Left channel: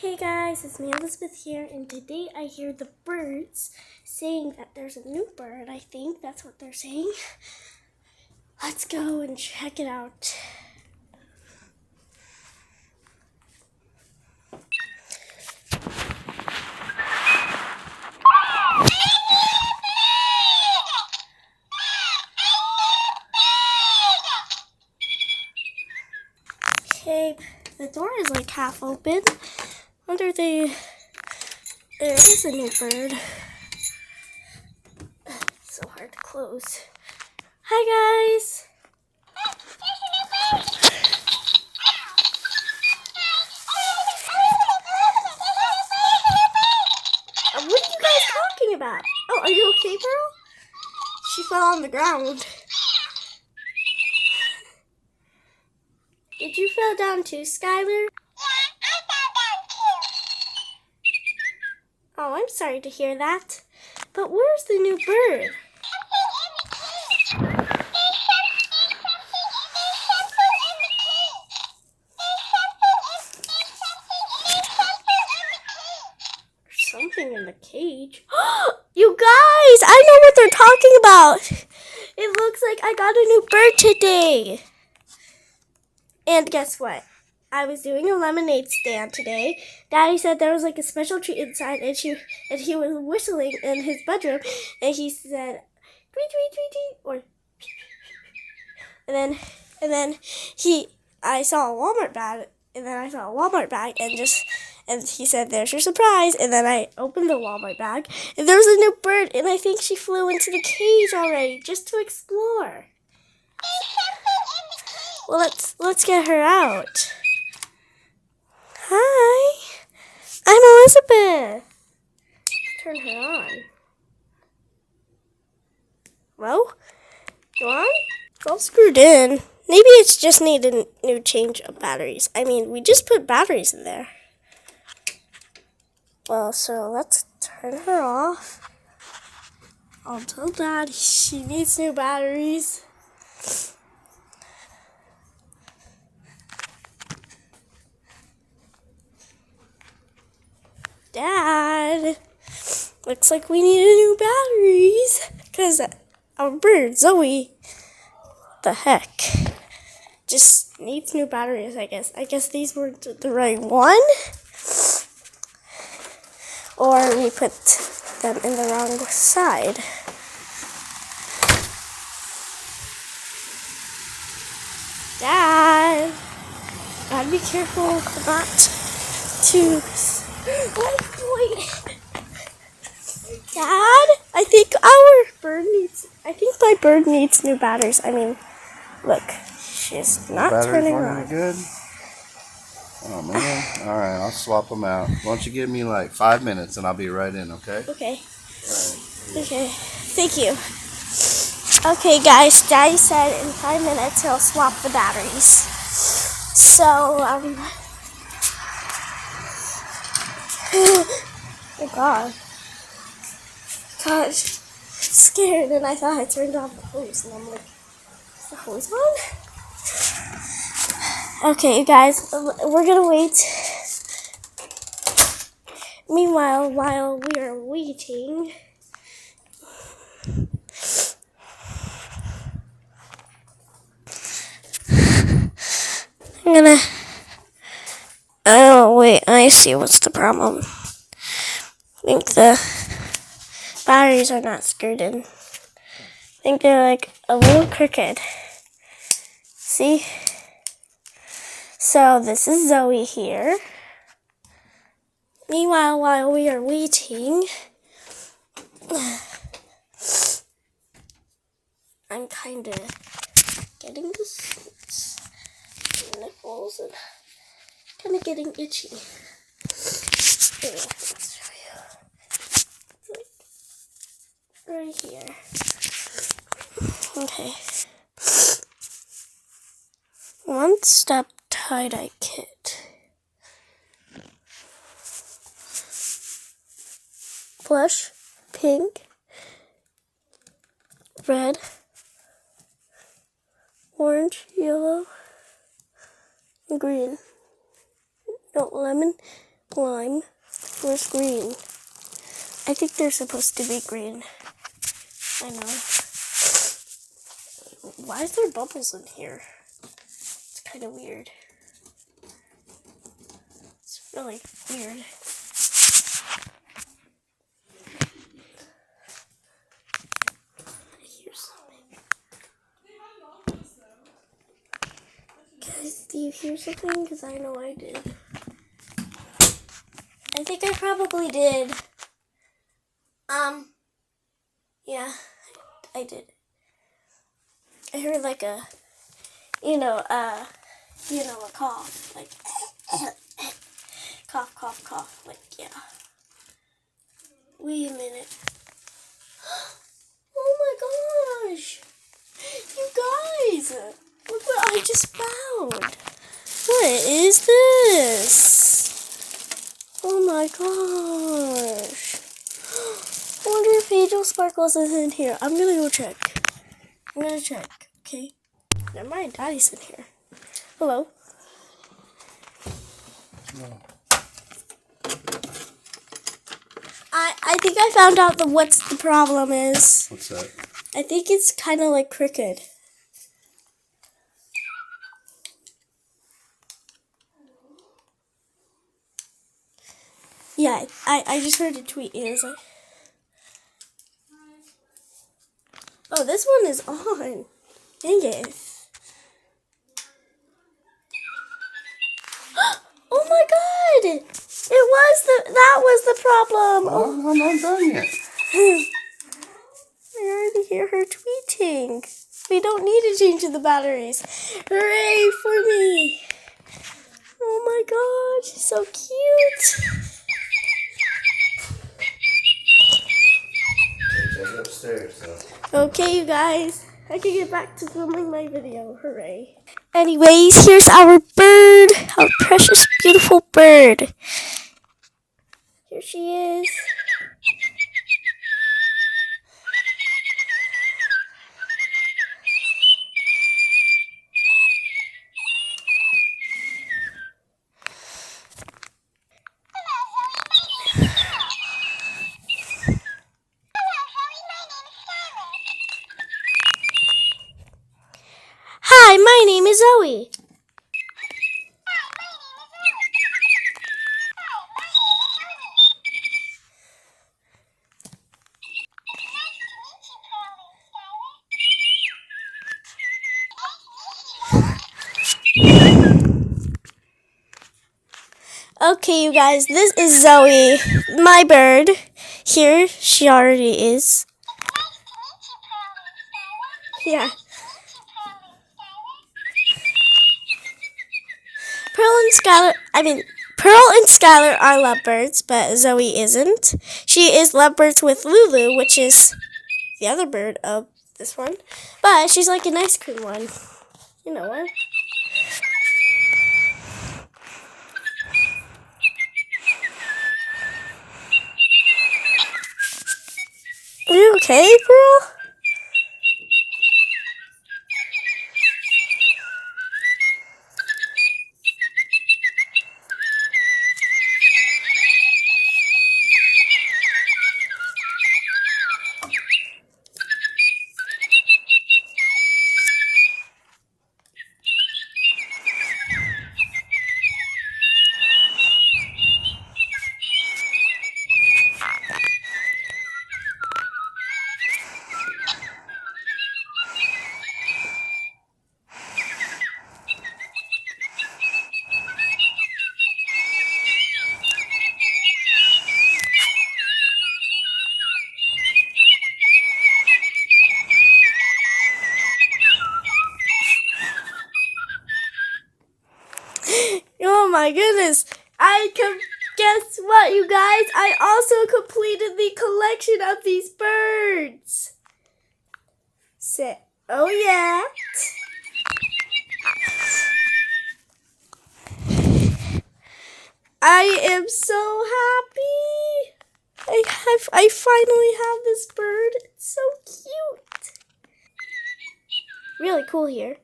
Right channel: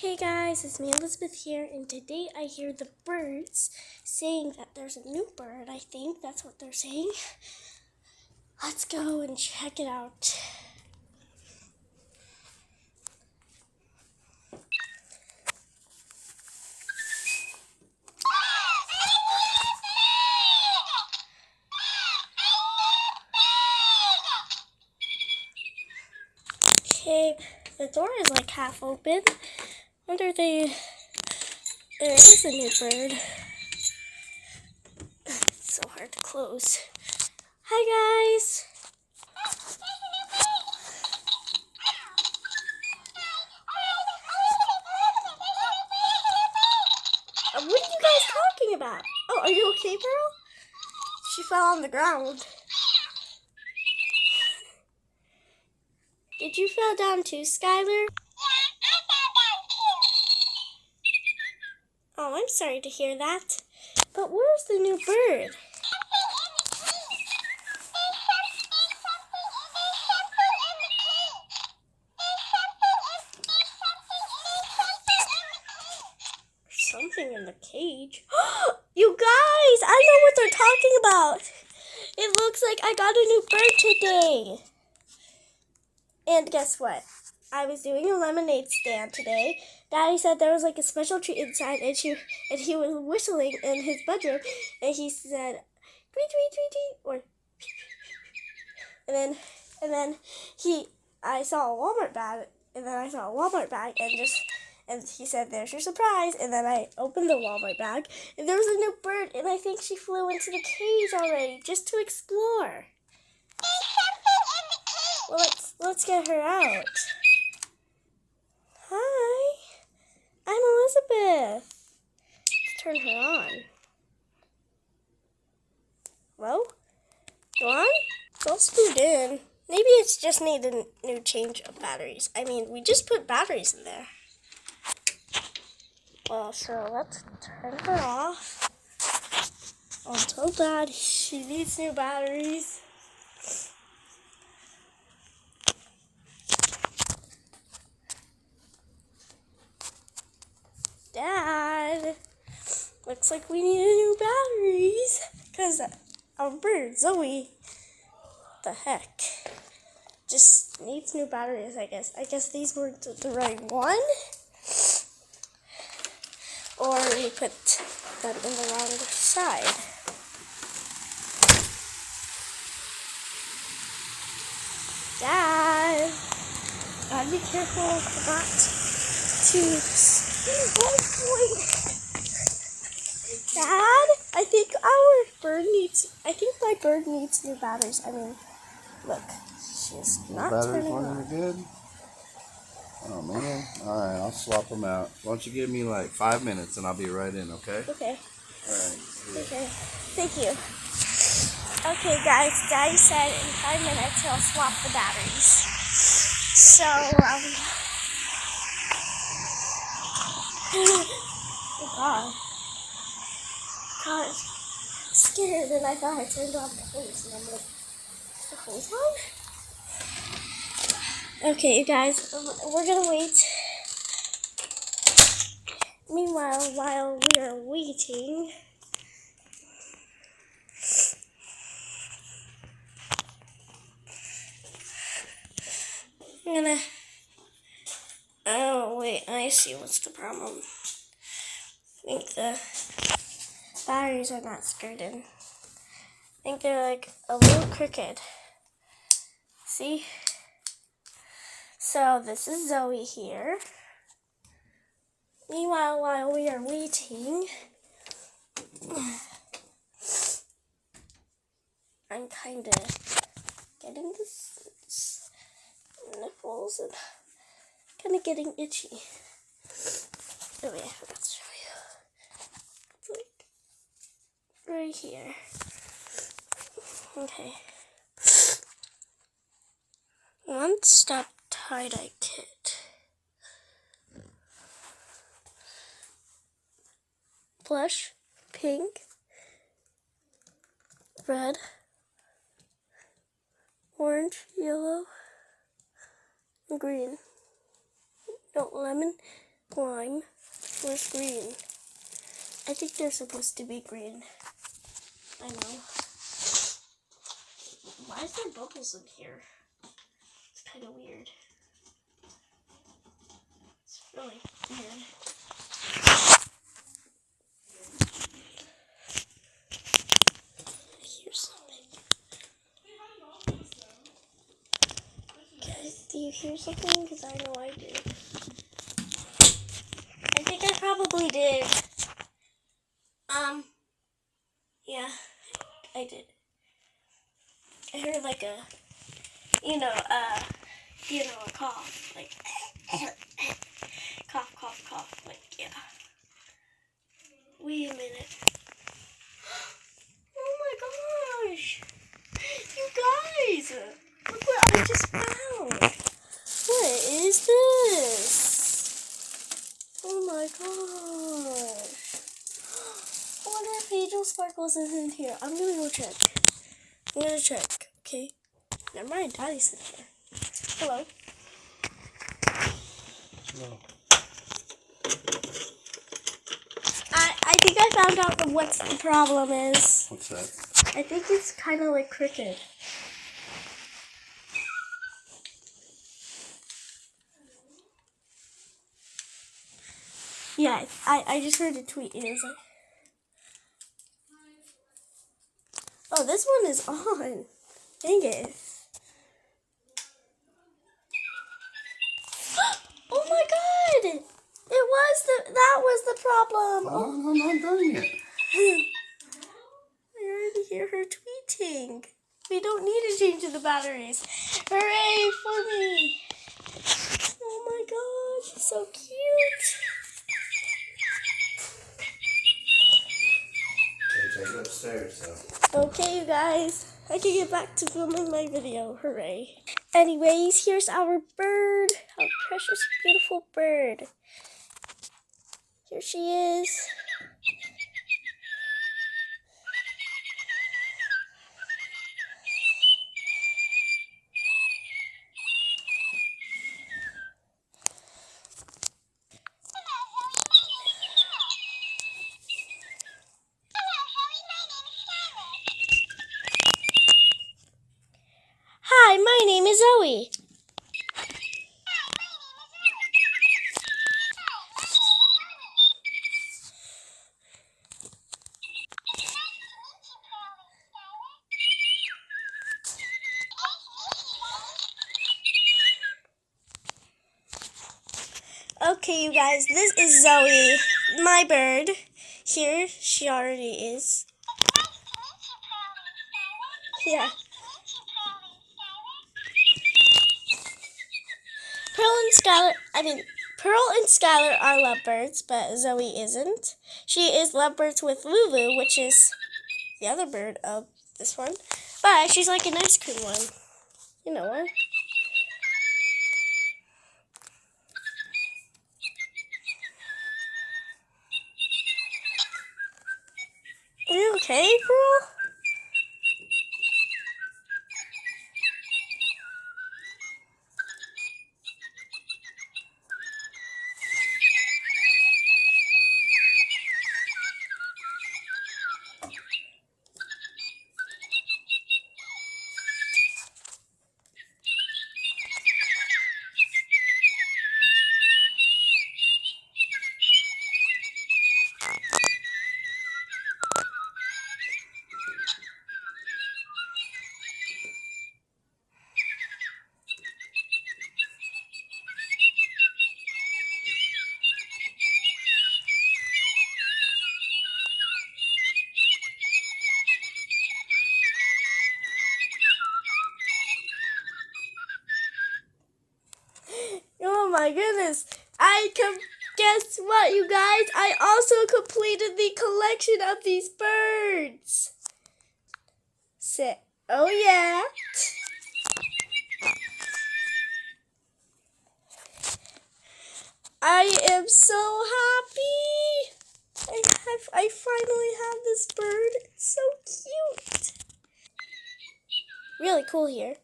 Hey guys, it's me Elizabeth here, and today I hear the birds saying that there's a new bird. I think that's what they're saying. Let's go and check it out. Okay, the door is like half open. Wonder if there is a new bird. It's so hard to close. Hi guys. What are you guys talking about? Oh, are you okay, Pearl? She fell on the ground. Did you fall down too, Skylar? Oh, I'm sorry to hear that. But where's the new bird? There's something in the cage. You guys, I know what they're talking about. It looks like I got a new bird today. And guess what? I was doing a lemonade stand today. Daddy said there was like a special treat inside, and he was whistling in his bedroom, and he said, tweet, tweet, tweet, tweet, or and then I saw a Walmart bag, and he said, "There's your surprise." And then I opened the Walmart bag, and there was a new bird, and I think she flew into the cage already just to explore. Well, let's get her out. Hi, I'm Elizabeth. Let's turn her on. Well, go on. It's all screwed in. Maybe it's just needed a new change of batteries. I mean, we just put batteries in there. Well, so let's turn her off. I'll tell Dad she needs new batteries. Dad, looks like we need new batteries. Because our bird, Zoe, the heck, just needs new batteries, I guess. I guess these were the right one. Or we put them in the wrong side. Dad, gotta be careful not to. Oh boy, Dad, I think my bird needs new batteries. I mean, look, she's not turning on. Batteries weren't any good? Oh man. Alright, I'll swap them out. Why don't you give me like 5 minutes and I'll be right in, okay? Okay. Okay. Thank you. Okay, guys. Daddy said in 5 minutes he'll swap the batteries. So, oh God. Gosh. Scared, and I thought I turned off the hose, and I'm like, is the hose on? Okay, you guys, we're gonna wait. Meanwhile, while we are waiting, oh wait, I see what's the problem. I think the batteries are not screwed in. I think they're like a little crooked. See? So this is Zoe here. Meanwhile, while we are waiting, I'm kind of getting the nipples and kind of getting itchy. Anyway, let's show you. It's like right here. Okay. One step tie-dye kit. Blush, pink, red, orange, yellow, and green. No, lemon, Lime. Where's green? I think they're supposed to be green. I know. Why is there bubbles in here? It's kind of weird. It's really weird. I hear something. Guys, do you hear something? Because I know I did. I think I probably did. Yeah, I did. I heard like a, a cough, like cough, cough, cough, like yeah. Wait a minute. Oh my gosh, you guys, look what I just found. What is this? Oh my gosh. I wonder if Angel Sparkles is in here. I'm gonna go check. Okay. Never mind, Daddy's in here. Hello. No. I think I found out what's the problem is. What's that? I think it's kind of like crooked. Yeah, I just heard a tweet. It was like, oh, this one is on. Dang it. Oh my god! That was the problem. Oh, I'm not done yet. I already hear her tweeting. We don't need to change the batteries. Hooray for me! Oh my god, she's so cute. Take it upstairs, so. Okay, you guys, I can get back to filming my video. Hooray. Anyways, here's our bird, our precious, beautiful bird. Here she is. Hi, my name is Zoe. Okay, you guys, this is Zoe, my bird. Here, she already is. Yeah. Pearl and Skylar are lovebirds, but Zoe isn't. She is lovebirds with Lulu, which is the other bird of this one. But she's like an ice cream one. You know what? Are you okay, Pearl? Oh my goodness. Guess what, you guys? I also completed the collection of these birds. Oh yeah. I am so happy. I finally have this bird. It's so cute. Really cool here.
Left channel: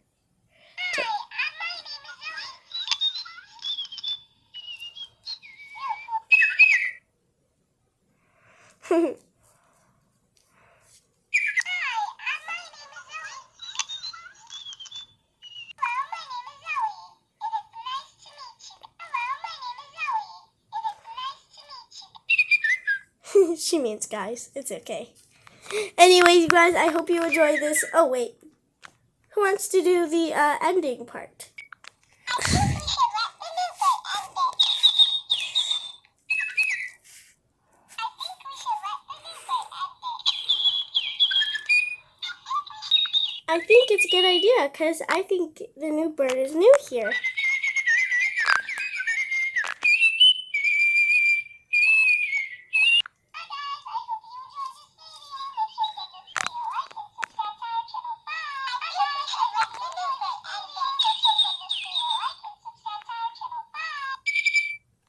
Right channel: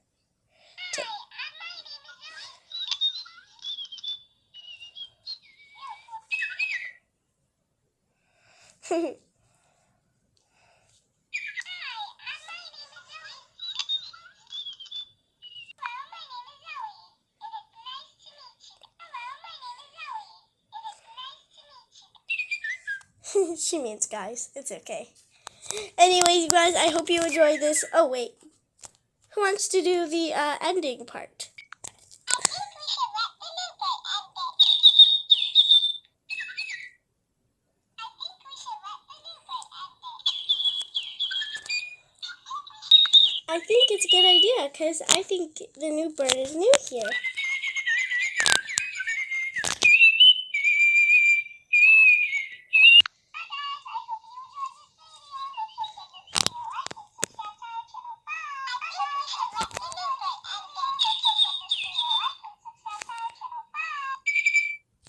She means guys. It's okay. Anyways, you guys, I hope you enjoy this. Oh, wait. Who wants to do the ending part? I think it's a good idea because I think the new bird is new here.